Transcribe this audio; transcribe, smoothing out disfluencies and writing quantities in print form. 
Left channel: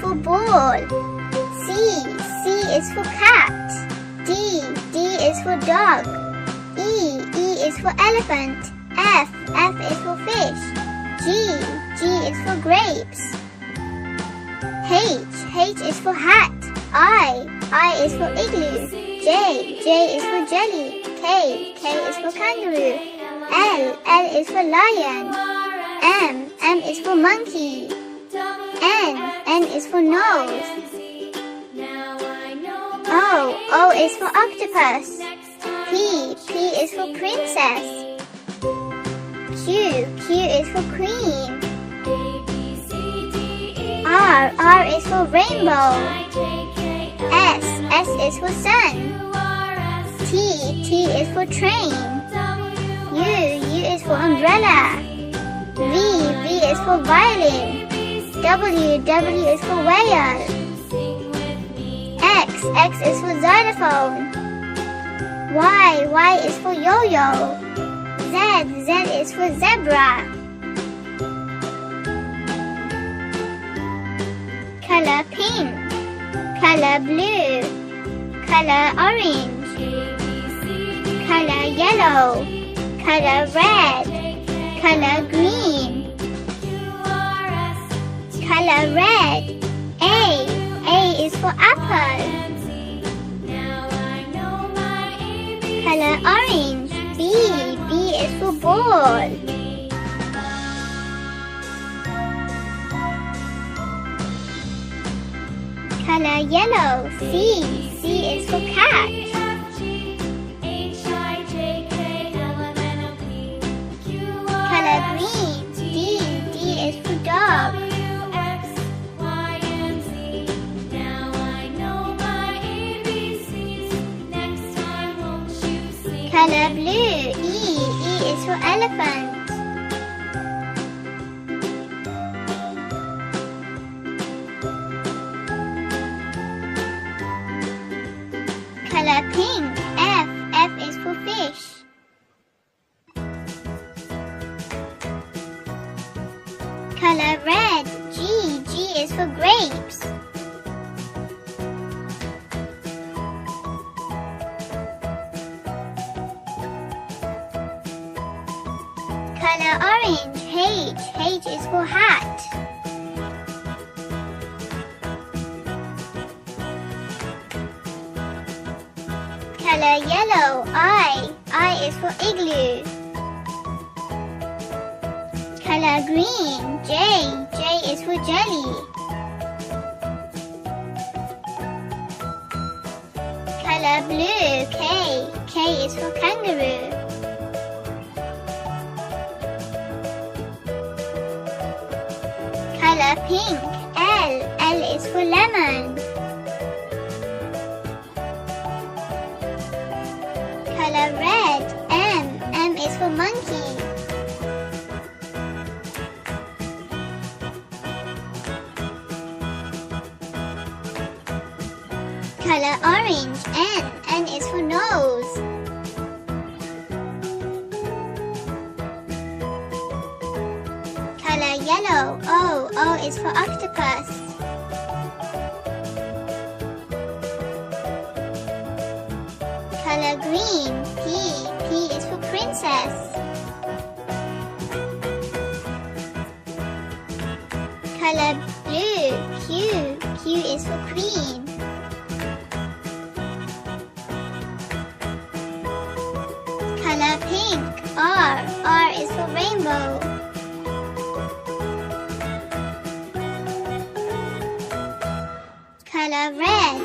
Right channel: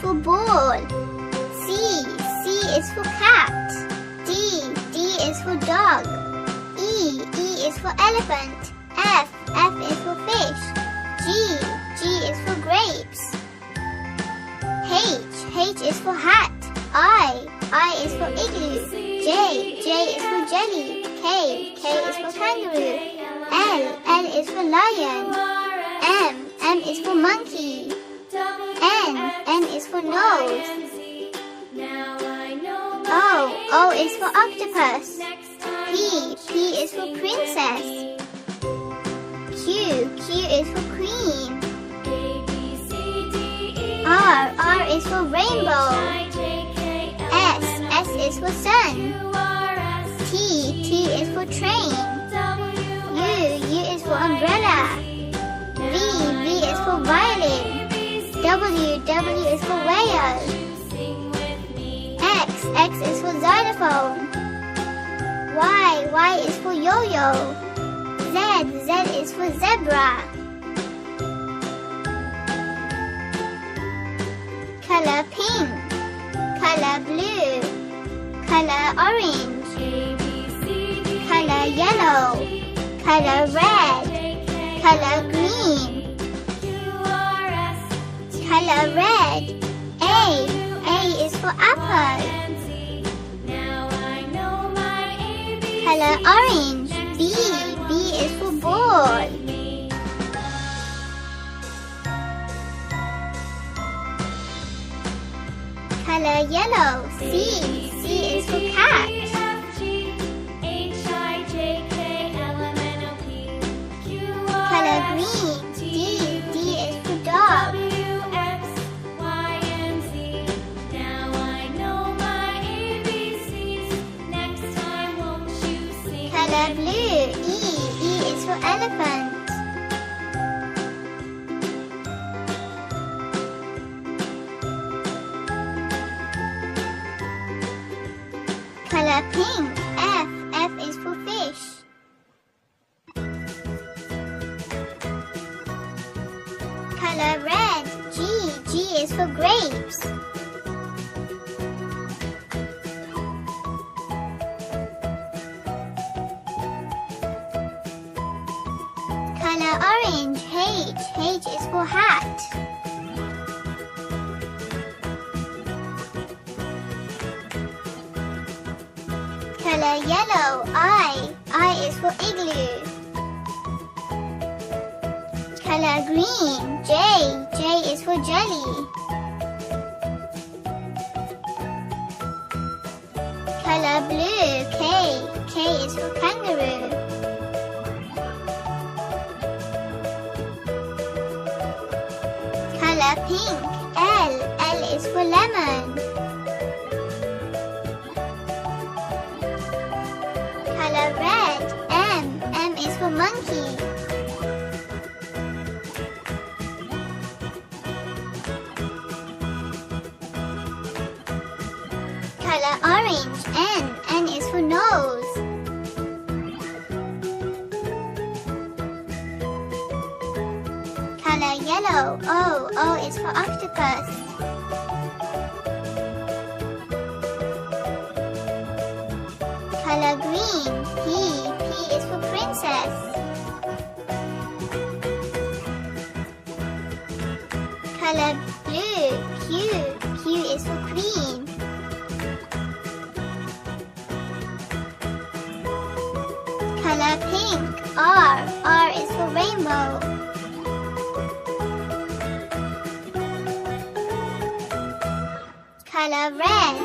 for ball. C is for cat. D is for dog. E is for elephant. F is for fish. G is for grapes. H is for hat. I is for igloo. J is for jelly. K is for kangaroo. L is for lion. M is for monkey. N is for nose. O is for octopus. P is for princess. Q is for queen. R is for rainbow. S is for sun. T is for train. U is for umbrella. V is for violin. W is for whale. X is for xylophone. Y is for yo-yo. Z is for zebra. Color pink. Color blue. Color orange. Color yellow. Color red. Color green. Color red. A is for apple. Color orange. B is for ball. Color yellow. C is for cat. Color green. D is for dog. Color blue. E is for elephant. Color pink. F is for fish. Color red. G is for grapes. Color orange. H is for hat. Color yellow. I is for igloo. Color green. J is for jelly. Color blue. K is for kangaroo. Color pink. L is for lemon. Color red. M is for monkey. Color orange. N is for nose. Color yellow. O is for octopus. Color green. P is for princess. Color blue. Q is for queen. Color pink. R is for rainbow. Color red.